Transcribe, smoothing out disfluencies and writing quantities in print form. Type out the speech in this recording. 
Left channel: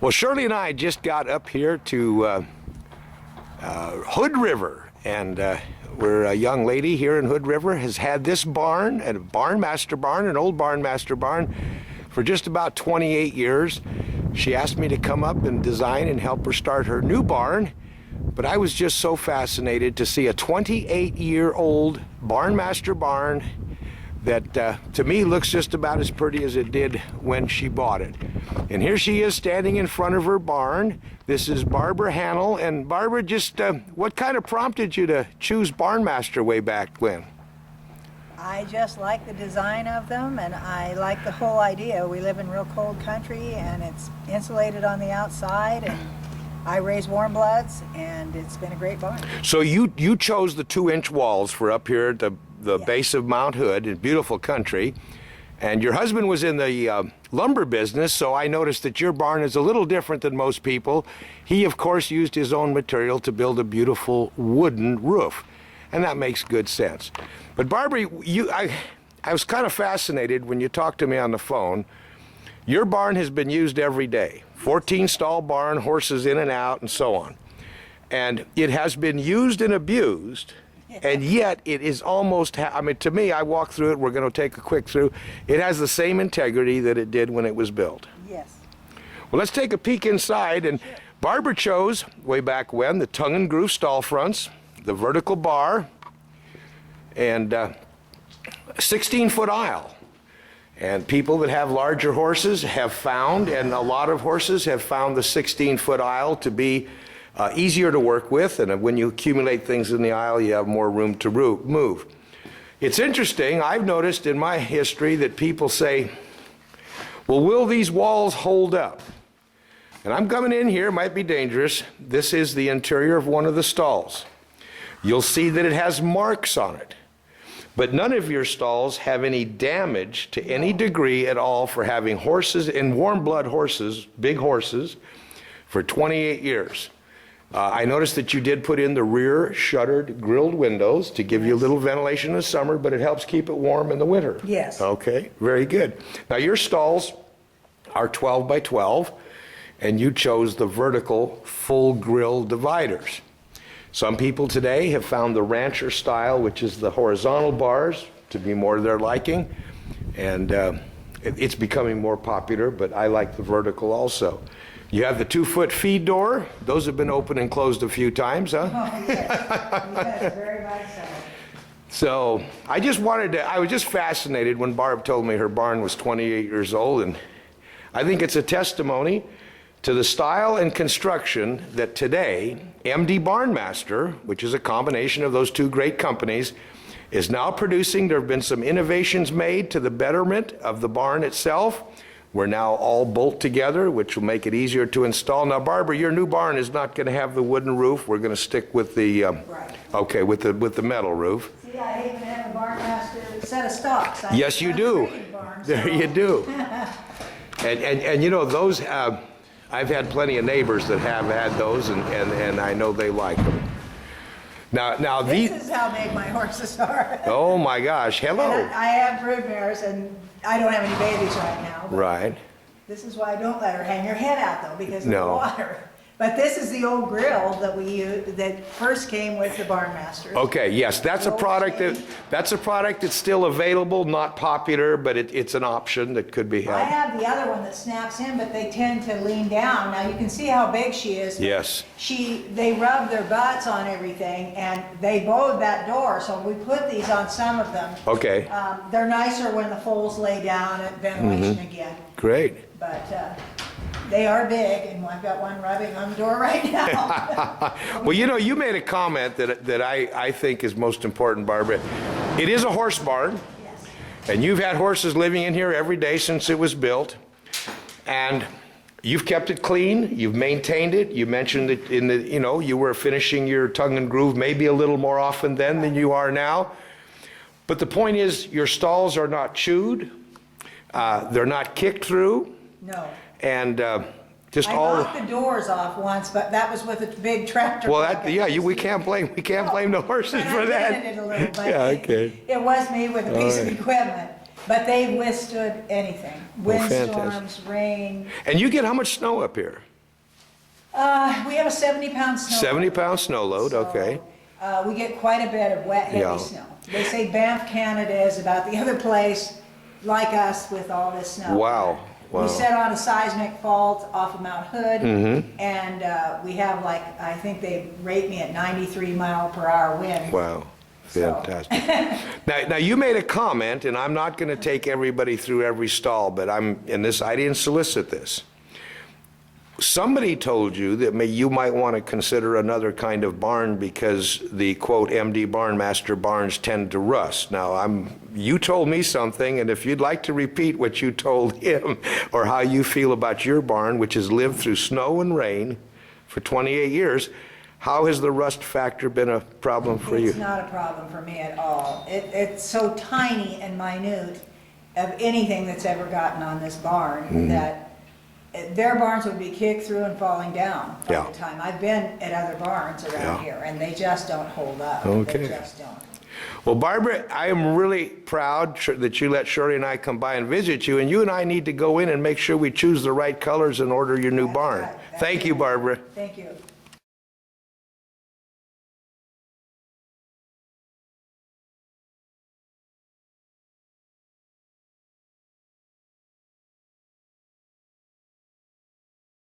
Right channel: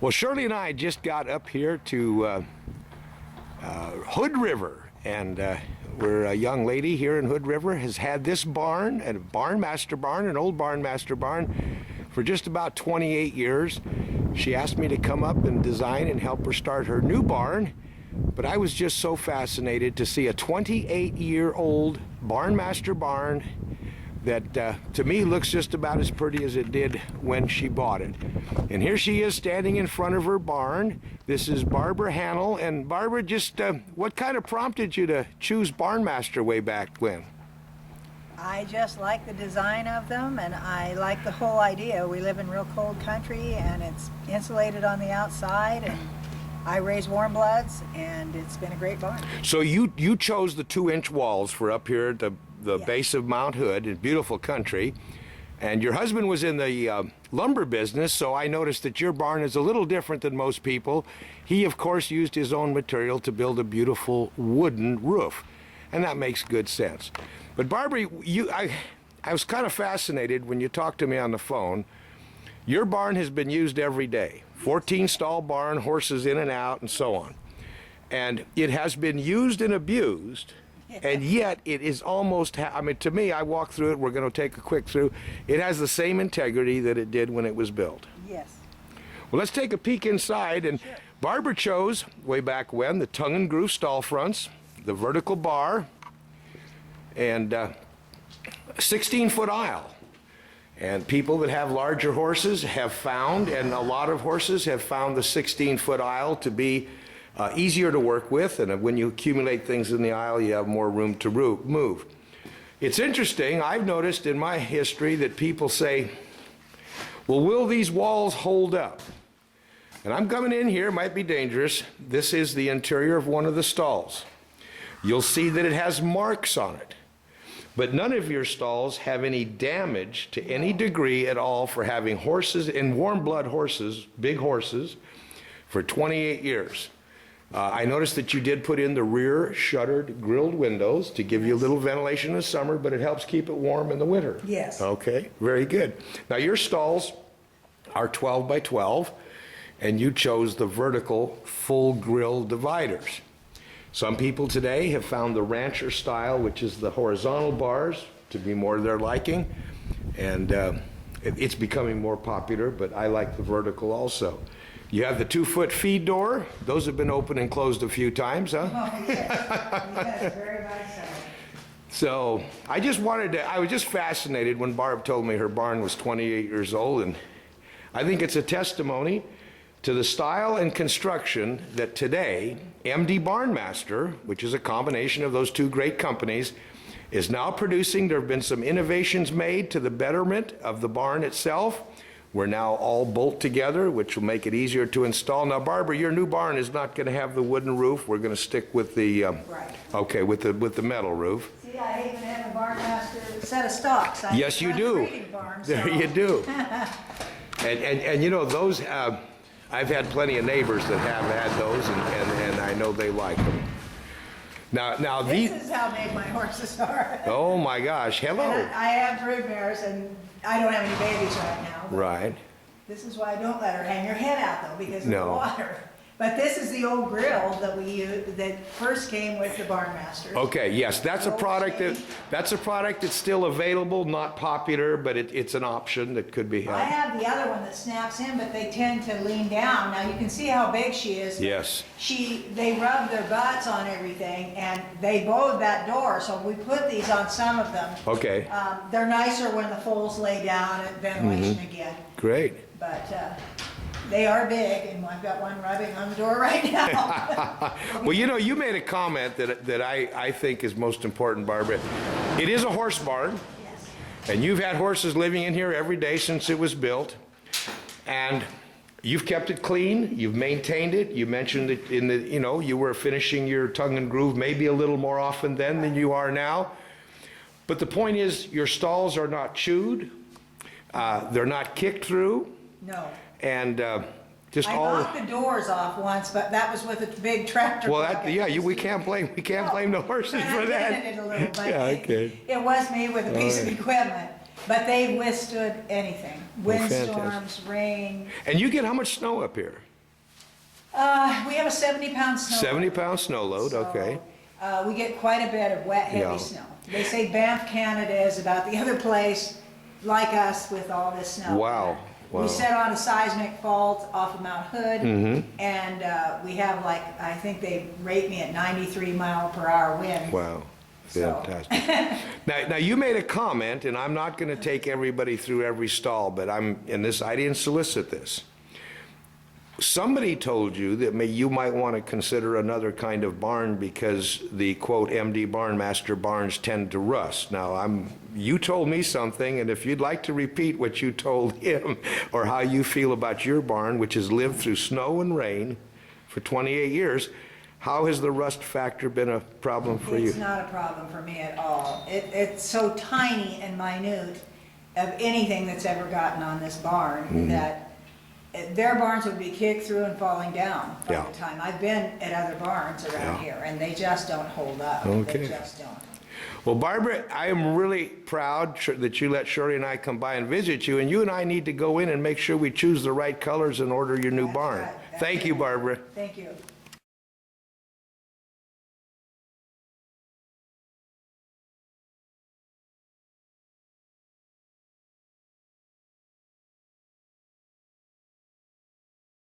Well, Shirley and I just got up here to Hood River, and we're a young lady here in Hood River, has had this barn, a Barnmaster barn, an old Barnmaster barn, for just about 28 years. She asked me to come up and design and help her start her new barn, but I was just so fascinated to see a 28-year-old Barnmaster barn that to me looks just about as pretty as it did when she bought it. And here she is standing in front of her barn. This is Barbara Hannell. And Barbara, just what kind of prompted you to choose Barnmaster way back when? I just like the design of them, and I like the whole idea. We live in real cold country, and it's insulated on the outside, and I raise warm bloods, and it's been a great barn. So you chose the 2-inch walls for up here at the base of Mount Hood in beautiful country, and your husband was in the lumber business, so I noticed that your barn is a little different than most people. He, of course, used his own material to build a beautiful wooden roof, and that makes good sense. But Barbara, I was kind of fascinated when you talked to me on the phone. Your barn has been used every day, 14-stall barn, horses in and out, and so on. And it has been used and abused, and yet it is almost, I mean, to me, I walk through it, we're going to take a quick through. It has the same integrity that it did when it was built. Yes. Well, let's take a peek inside, and sure. Barbara chose, way back when, the tongue and groove stall fronts, the vertical bar, and a 16-foot aisle. And people that have larger horses have found, and a lot of horses have found the 16-foot aisle to be easier to work with, and when you accumulate things in the aisle, you have more room to move. It's interesting, I've noticed in my history that people say, well, will these walls hold up? And I'm coming in here, it might be dangerous. This is the interior of one of the stalls. You'll see that it has marks on it. But none of your stalls have any damage to any degree at all for having horses, and warm blood horses, big horses, for 28 years. I noticed that you did put in the rear shuttered grilled windows to give you a little ventilation in the summer, but it helps keep it warm in the winter. Yes. Okay, very good. Now your stalls are 12 by 12, and you chose the vertical full grill dividers. Some people today have found the rancher style, which is the horizontal bars, to be more to their liking, and it's becoming more popular, but I like the vertical also. You have the 2-foot feed door. Those have been opened and closed a few times, huh? Oh, yes. Yes, very much So so. I was just fascinated when Barb told me her barn was 28 years old, and I think it's a testimony to the style and construction that today MDBarnmaster, which is a combination of those two great companies, is now producing. There have been some innovations made to the betterment of the barn itself. We're now all bolt together, which will make it easier to install. Now, Barbara, your new barn is not going to have the wooden roof. We're going to stick with the right. Okay, with the metal roof. See, I even have a Barnmaster set of stocks. Yes, you do. Barn, there you do. and you know, those I've had plenty of neighbors that have had those, and I know they like them. Now this is how big my horses are. Oh my gosh, hello. And I have brood mares, and I don't have any babies right now. Right. This is why I don't let her hang her head out, though, because of the No. water. But this is the old grill that we used that first came with the Barnmaster. Okay, yes, that's a product that's still available, not popular, but it's an option that could be I had. have the other one that snaps in, but they tend to lean down. Now you can see how big she is. Yes. They rub their butts on everything, and they bowed that door. So we put these on some of them. Okay. They're nicer when the foals lay down and ventilation again. Great. But they are big, and I've got one rubbing on the door right now. Well, you know, you made a comment that I think is most important, Barbara. It is a horse barn, Yes. and you've had horses living in here every day since it was built, and you've kept it clean, you've maintained it. You mentioned that you were finishing your tongue and groove maybe a little more often then than you are now. But the point is, your stalls are not chewed, they're not kicked through. No. And just I all. knocked the doors off once, but that was with a big tractor. Well, we can't blame the horses for that. I did it a little, but Yeah, okay. it was me with a piece of equipment. But they withstood anything. Windstorms, fantastic. rain. And you get how much snow up here? We have a 70-pound snow. 70-pound snow load, So, okay. we get quite a bit of wet, heavy Yeah. snow. They say Banff, Canada is about the other place like us with all this snow. Wow, wow. We set on a seismic fault off of Mount Hood, Mm-hmm. and we have like, I think they rate me at 93-mile-per-hour wind. Wow, So- fantastic. Now, you made a comment, and I'm not gonna take everybody through every stall, but I didn't solicit this. Somebody told you that you might want to consider another kind of barn because the quote MDBarnmaster barns tend to rust. Now, you told me something, and if you'd like to repeat what you told him or how you feel about your barn, which has lived through snow and rain for 28 years, how has the rust factor been a problem for you? It's not a problem for me at all. It's so tiny and minute of anything that's ever gotten on this barn Mm-hmm. that their barns would be kicked through and falling down by Yeah. the time. I've been at other barns around Yeah. here, and they just don't hold up. Okay. They just don't. Well, Barbara, I am really proud that you let Shirley and I come by and visit you, and you and I need to go in and make sure we choose the right colors and order your new That's barn. right. That's Thank you, right. Barbara. Thank you.